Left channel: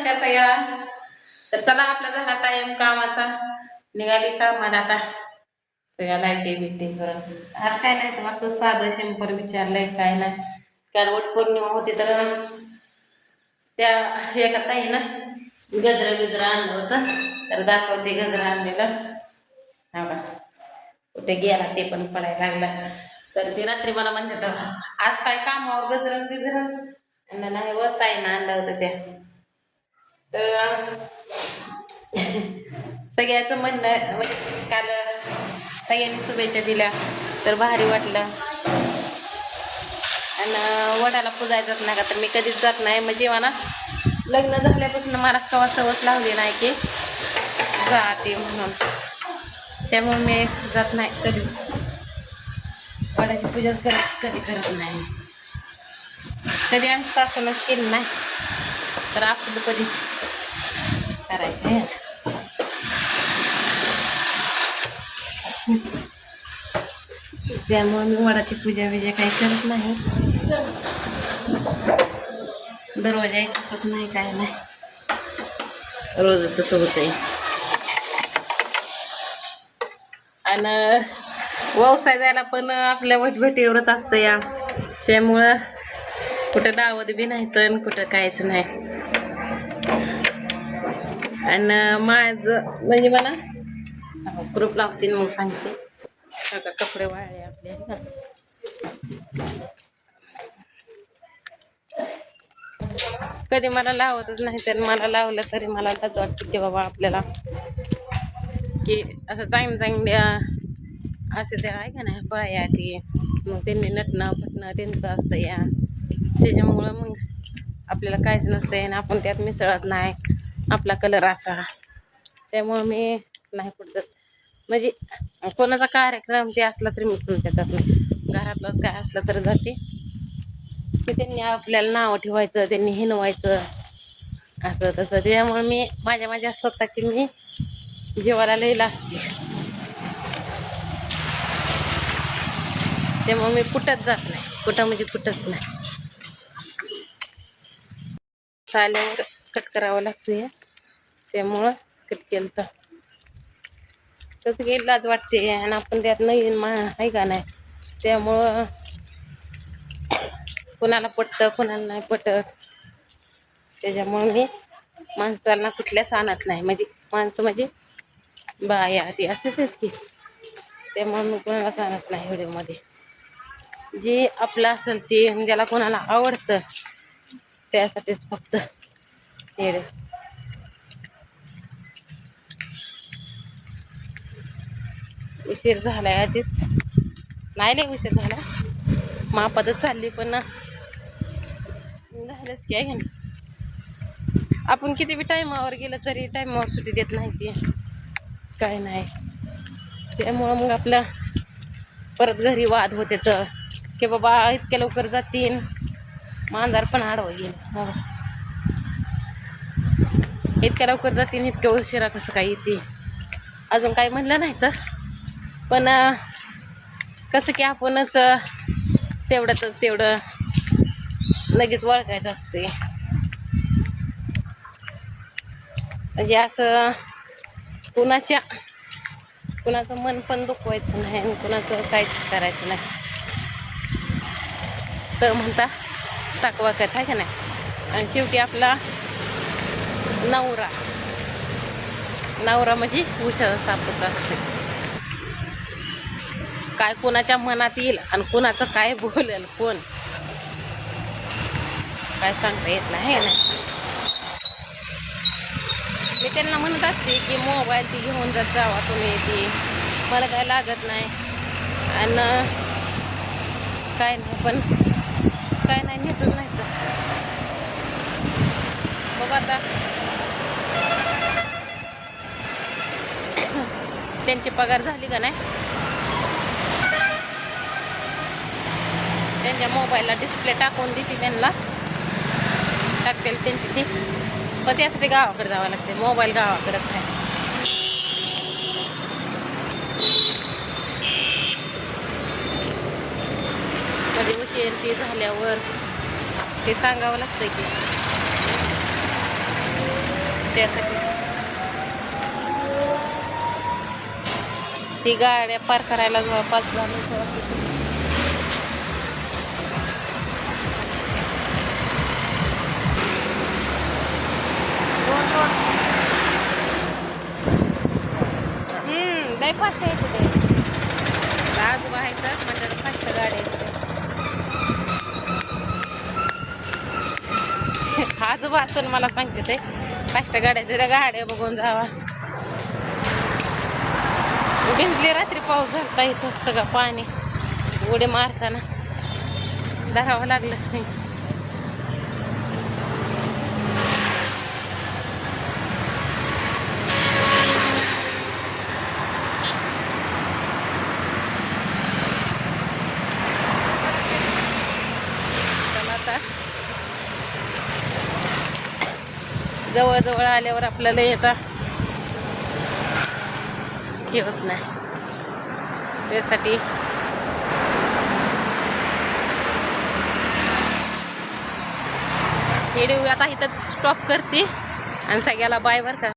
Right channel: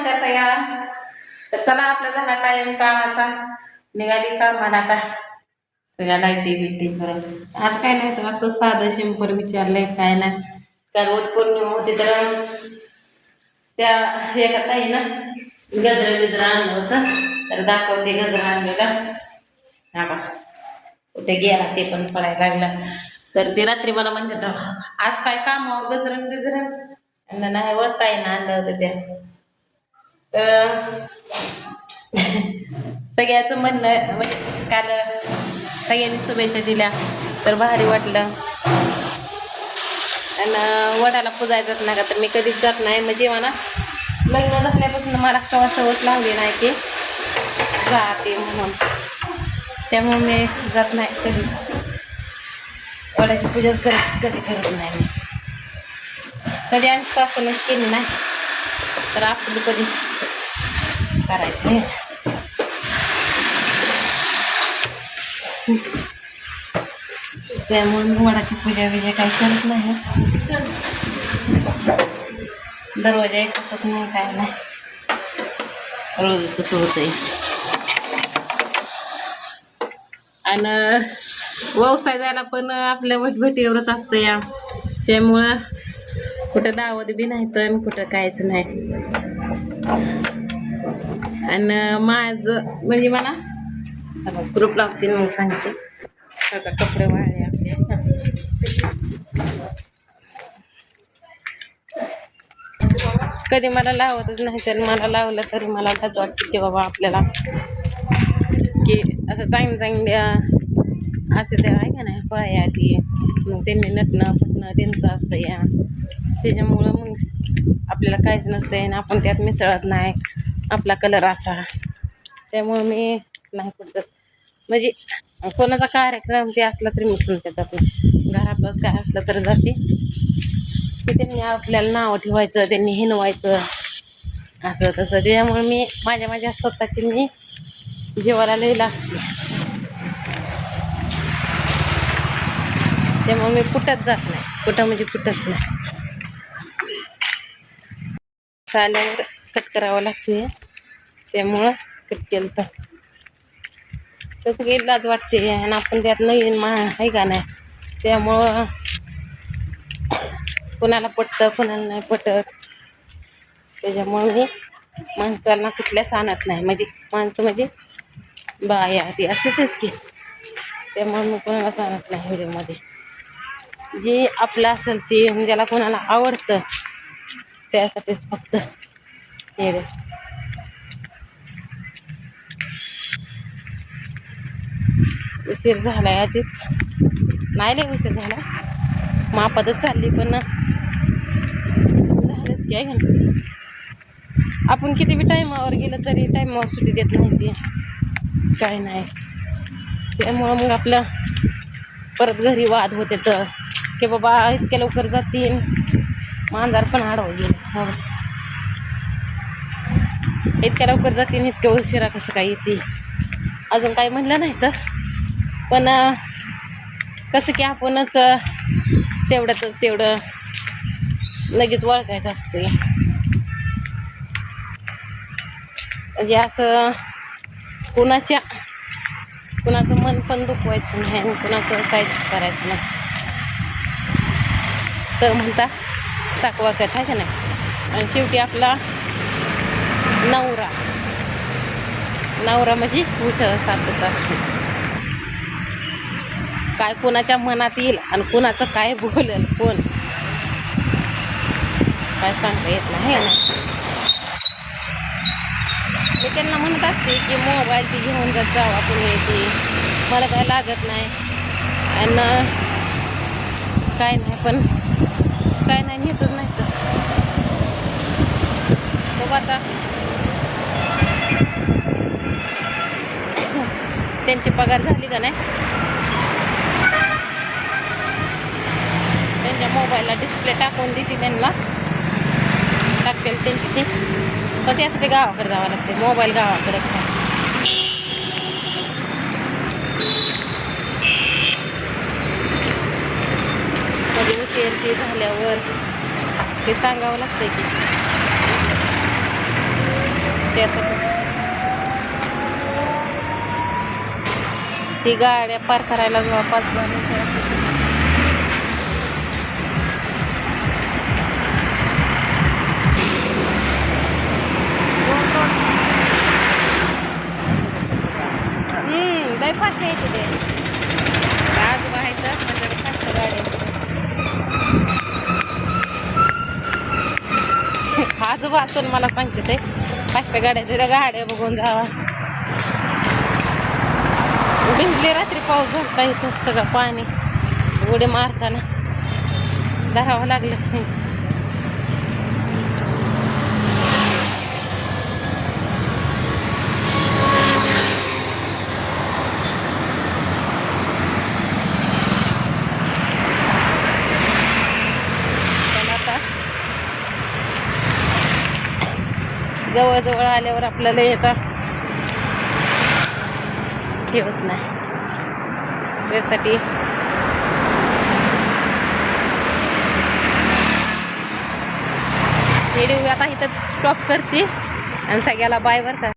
नमस्कार सगळ्या. तर चला आपला झाला टाइम कामाचा, निघाली कामाला आता सगळ्या लाईटी बिटी करून. आज काय नाही तर असं साधं सिंपल विचारलंय, काय नाही. काल वटपौर्णिमा होती तर त्या एका ताईनं गजरा बिजरा आणलं होतं, तर दाखवते गजरा आणलेला. हा बा कुठे गेला ते पण पडायला लागला. तर ते रात्री मला म्हणते तर आज काय कामावर गजरण बिजरण नाही व ताईनं आणलं होतं त्या. तर सगळ्याचं म्हणणं म्हणजे काल सगळ्यांनी शुभेच्छा दिल्या तर भारी वाटलं. आणि वडाला पुजायचंच नाही का, तर मी कधीच जात नाही. म्हणजे मला लग्न झाल्यापासून मला कवा सवच लावली नाही की जाते म्हणून, त्यामुळे मी जात नाही कधीच. वडाची पूजाच कधी करत नाही मी, कधी आणि सासूनच केली नाही, तर आपलं कधी करायचं आहे. त्यामुळे मी वडाची पूजा बिजा काही करत नाही. दरवाजा एक असत नाही, काय नाही, रोज तसं होतंय. आणि व्यवसाय जायला पण आपल्या वटभेटीवरच असतं या, त्यामुळं कुठं दावत बी नाही तर कुठं काहीच नाही. आणि माझं म्हणजे मला ग्रुप लावते मग सांगते. आता कपडे वाळले आपले. कधी मला लावतच नाही, तर मला लावलं तरी मला लाज वाटते की बाबा आपल्याला की असं चांगल्या असं त्या आहे का नाही बाया ती, मग त्यांनी नटणं फटणं त्यांचं असतं या, त्याच्यामुळं मग आपल्याला काहीच नसतं आणि आपण त्यात मिसळत नाही, आपला कलर असा. त्यामुळं मी नाही कुठं, म्हणजे कोणाचा कार्यक्रम ते असला तरी मी तुमच्या जात नाही. घरातलंच काय असलं तर जाते की त्यांनी आपल्याला नावं ठेवायचं, त्यांनी हिनवायचं असं तसं. त्यामुळे मी माझ्या स्वतःची मी जेवायला लई लाजते, त्यामुळे मी कुठंच जात नाही, कुठं म्हणजे कुठंच नाही. आल्यावर कट करावं लागते, त्यामुळं कट केलं तर तसं काही लाज वाटते. आणि आपण त्यात नवीन आहे का नाही, त्यामुळं कोणाला पटतं कोणाला नाही पटत. त्याच्यामुळं मी माणसांना कुठल्याच आणत नाही, म्हणजे माणसं म्हणजे बाया ती असेच की, त्यामुळे मी कोणालाच आणत नाही व्हिडिओमध्ये. जे आपलं असेल ते ज्याला कोणाला आवडतं त्यासाठीच फक्त व्हिडिओ. उशीर झालाय आधीच, नाही लय उशीर झाला, मापातच चालली पण झालंच की आहे ना. आपण किती बी टायमावर गेलं तरी टायमावर सुट्टी देत नाही ती, काय नाही. त्यामुळं मग आपलं परत घरी वाद होते तर की बाबा इतक्या लवकर जातीन, मांजर पण आडवं गेलं, इतक्या लवकर जातीन इतक्या उशिरा कसं काय येते. अजून काही म्हणलं नाही तर पण कसं की आपणच तेवढं लगेच ओळखायचं असते. म्हणजे असं कुणाचं मन पण दुखवायचं नाही आणि कुणाचं काहीच करायचं नाही. तर म्हणता ताकवा कच आहे का नाही. आणि शेवटी आपला नवरा म्हणजे उशाचा सापत असते. काय कोणाच्या मनात येईल आणि कोणाचं काय बोलेल कोण काय सांगता येत नाही ना. मी त्यांना म्हणत असते की मोबाईल ती घेऊन जात जावा तुम्ही, ती मला काय लागत नाही आणि काय नाही, पण काय नाही नेतच नाही तर बघ आता. त्यांची पगार झाली का नाही, त्यांच्या मोबाईलला डिस्प्ले टाकून देते, त्यांना टाकतील त्यांची ती, पण त्यासाठी गावाकडे जावं लागते. मोबाईल गावाकडेच आहे. कधी उशीर ती झाल्यावर ते सांगावं लागतं की त्यासाठी ती गाड्या पार करायला जवळपास झालं. लय फास्ट यायचे ते आजोबा आहेतच म्हणजे फास्ट गाड्या. आजोबा असून मला सांगते ते फास्ट गाड्याच्या त्या गाड्या बघून जावा. भिजली रात्री पाऊस झालता इथं सगळं पाणी उडी मारताना धरावं लागलं. आता जवळ आल्यावर आपल्याला येता हे होत नाही. त्यासाठी व्हिडिओ आता इथंच स्टॉप करते आणि सगळ्याला बाय बरं का.